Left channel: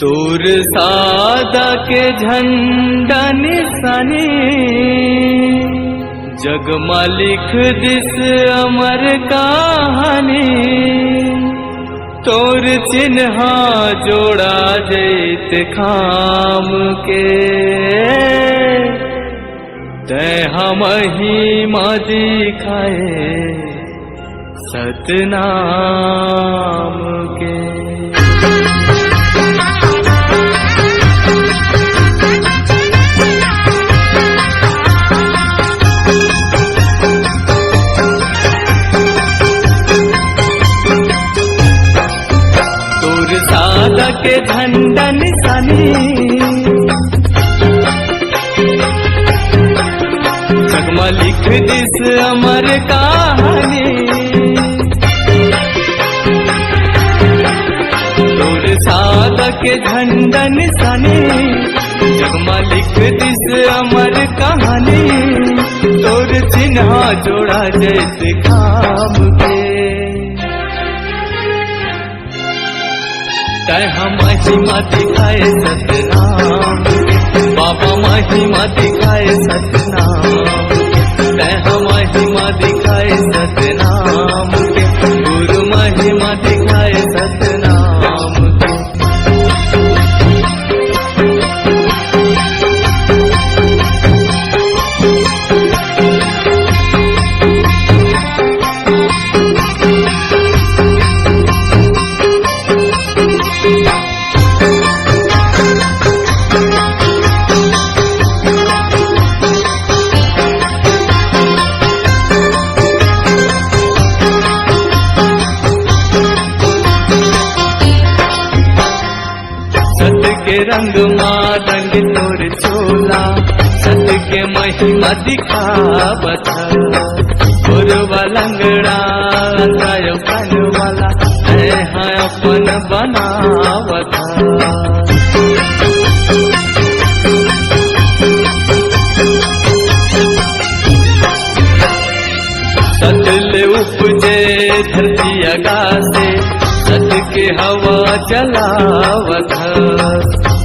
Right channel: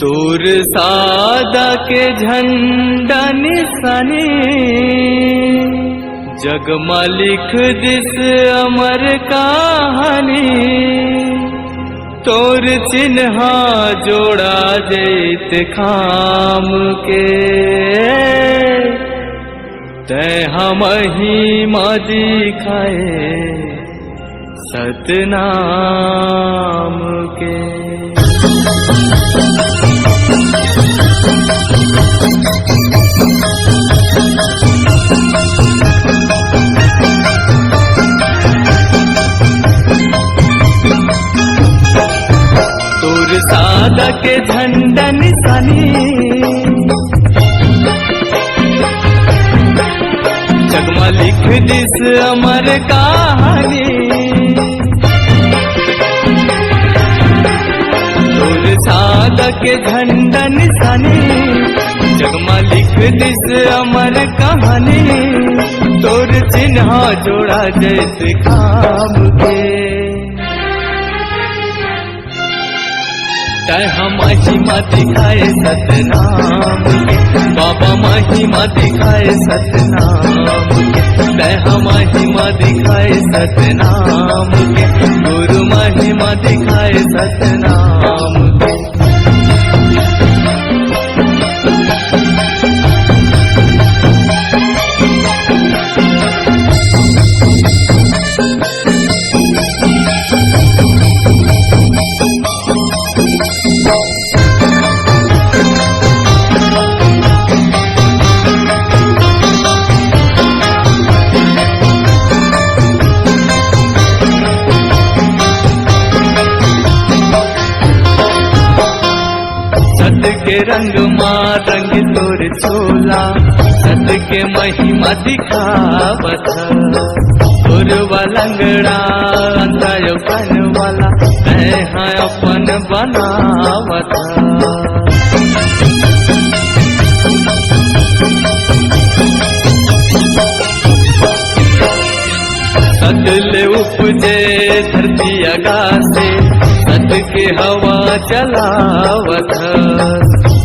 तोर सादा के झंडा निशानी जगमा लिख दिस अमर कहानी। तोर चिन्हा जोड़ा जैत खाम के तय हम ही माँ दिखाए सतनाम के। तोर सादा के झंडा निशानी जगमा लिख दिस अमर कहानी। तोर सादा के झंडा निशानी जगमा लिख दिस अमर कहानी। तोर चिन्हा जोड़ा जैसे खाम के तय हम महिमा दिखाए सतनाम के। बाबा महिमा दिखाए सतनाम के तय हम महिमा दिखाए सतनाम के। गुरु महिमा दिखाए सतनाम के। सत के रंग माँ रंग तोर चोला सत के महिमा दिखावत। गुरुवा लंगड़ा अंतराय कन वाला तैहा अपन बनावत। सत ले उपजे धरती आगासे सत के हवा चलावत।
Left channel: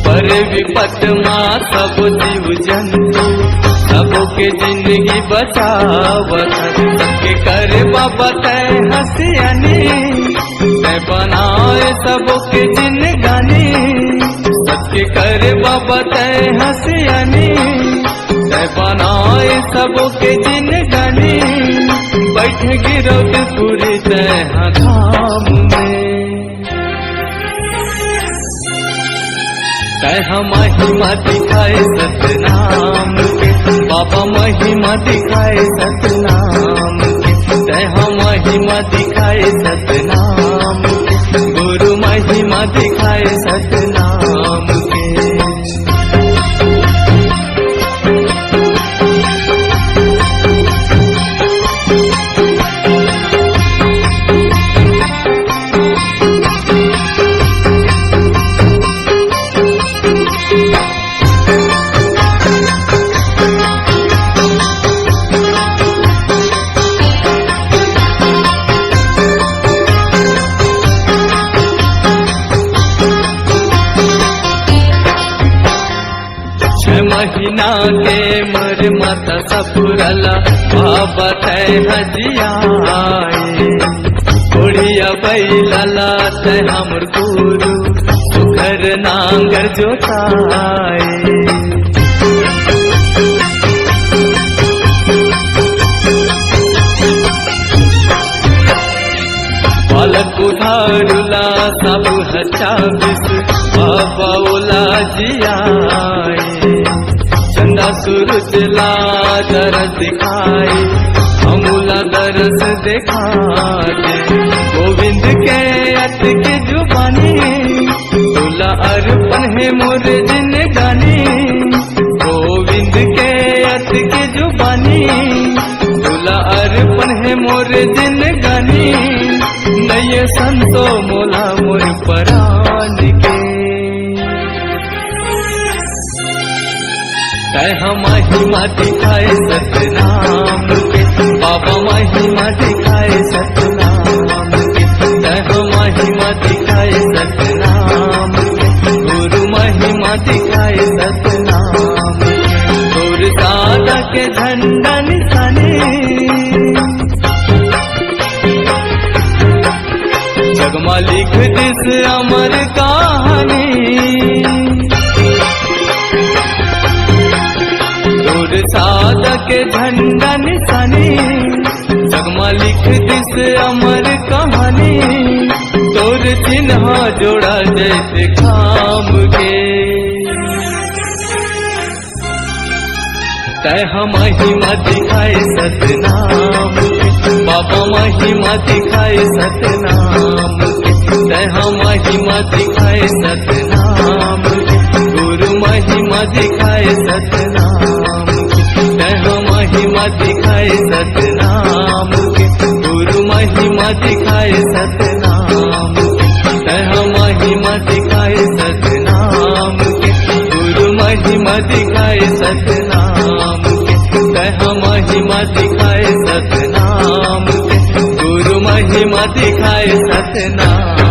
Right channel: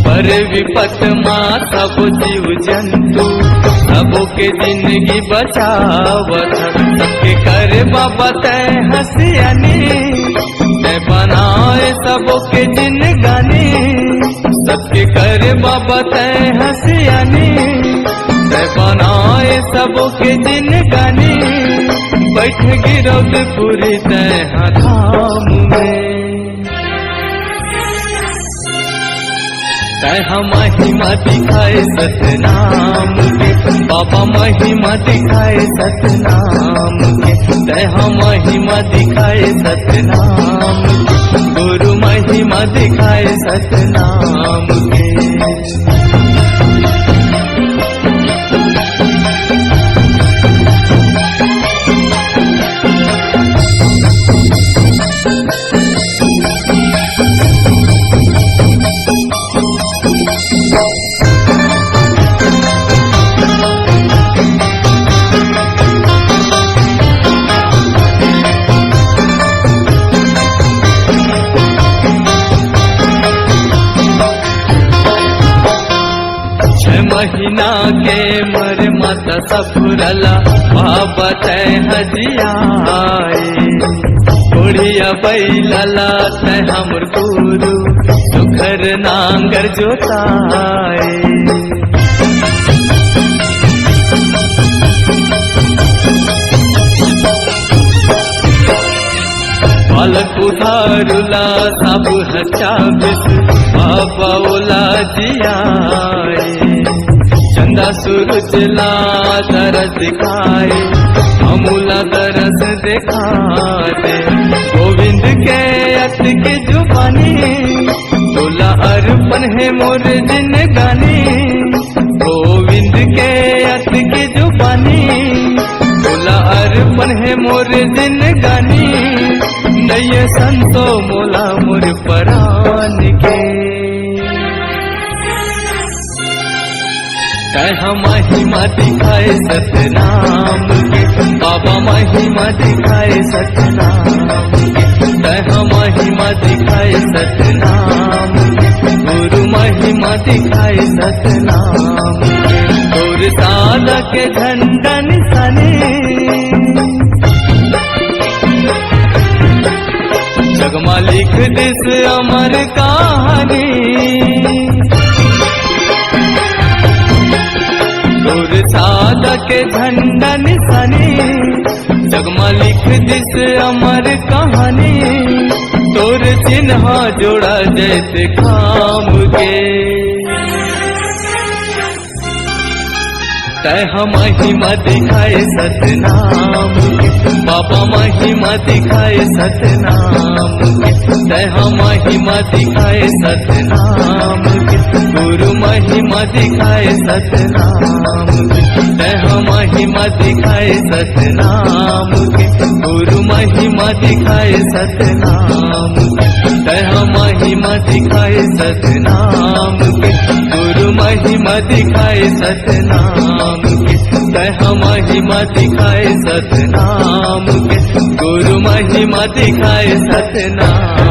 पर विपत माँ सब जीव जंतु सबों के जिंदगी बचावत। सबके करे बाबा तय हसियानी तय बनाए सबों के जिंदगानी। सबके करे बाबा तय हसियानी तय बनाए सबों के जिंदगानी। बैठ गिरौद पूरी तय धाम में तय हम महिमा दिखाए सतनाम के। बाबा महिमा दिखाए सतनाम के तय हम महिमा दिखाए सतनाम के। गुरु महिमा दिखाए सतनाम के। महीना के मर माता सफुरला बाबा तय हजियाए। कोढ़िया बैलाला तय हमर गुरु सुखर नांगर जोताए। बालक उधारुला सब हचाबिस बाबा ओला जियाए। चंदा सूरज ला दरस दिखाए अमूला दरस दिखा दे। गोविंद के अत के जुबानी तोला अर्पण है मोर जिंदगानी। गोविंद के अत के जुबानी तोला अर्पण है मोर जिंदगानी। नये संतो मोला मोर परान के तय हम महिमा दिखाए सतनाम के। बाबा महिमा दिखाए सतनाम के तय हम महिमा दिखाए सतनाम के। गुरु महिमा दिखाए सतनाम के। तोर सादा के झंडा निशानी जगमा लिख दिस अमर कहानी। तोर सादा के झंडा निशानी जगमा लिख दिस अमर कहानी। तोर चिन्ह जोड़ा जैसे खाम के तय महिमा दिखाए सतनाम के। बाबा महिमा दिखाए सतनाम के। तय महिमा दिखाए सतनाम के। गुरु महिमा दिखाए सतनाम के। तय महिमा दिखाए सतनाम के। गुरु महिमा दिखाए सतनाम के। तय महिमा दिखाए सतनाम के। गुरु महिमा दिखाए सतनाम के। तय महिमा दिखाए सतनाम के। गुरु महिमा दिखाए सतनाम।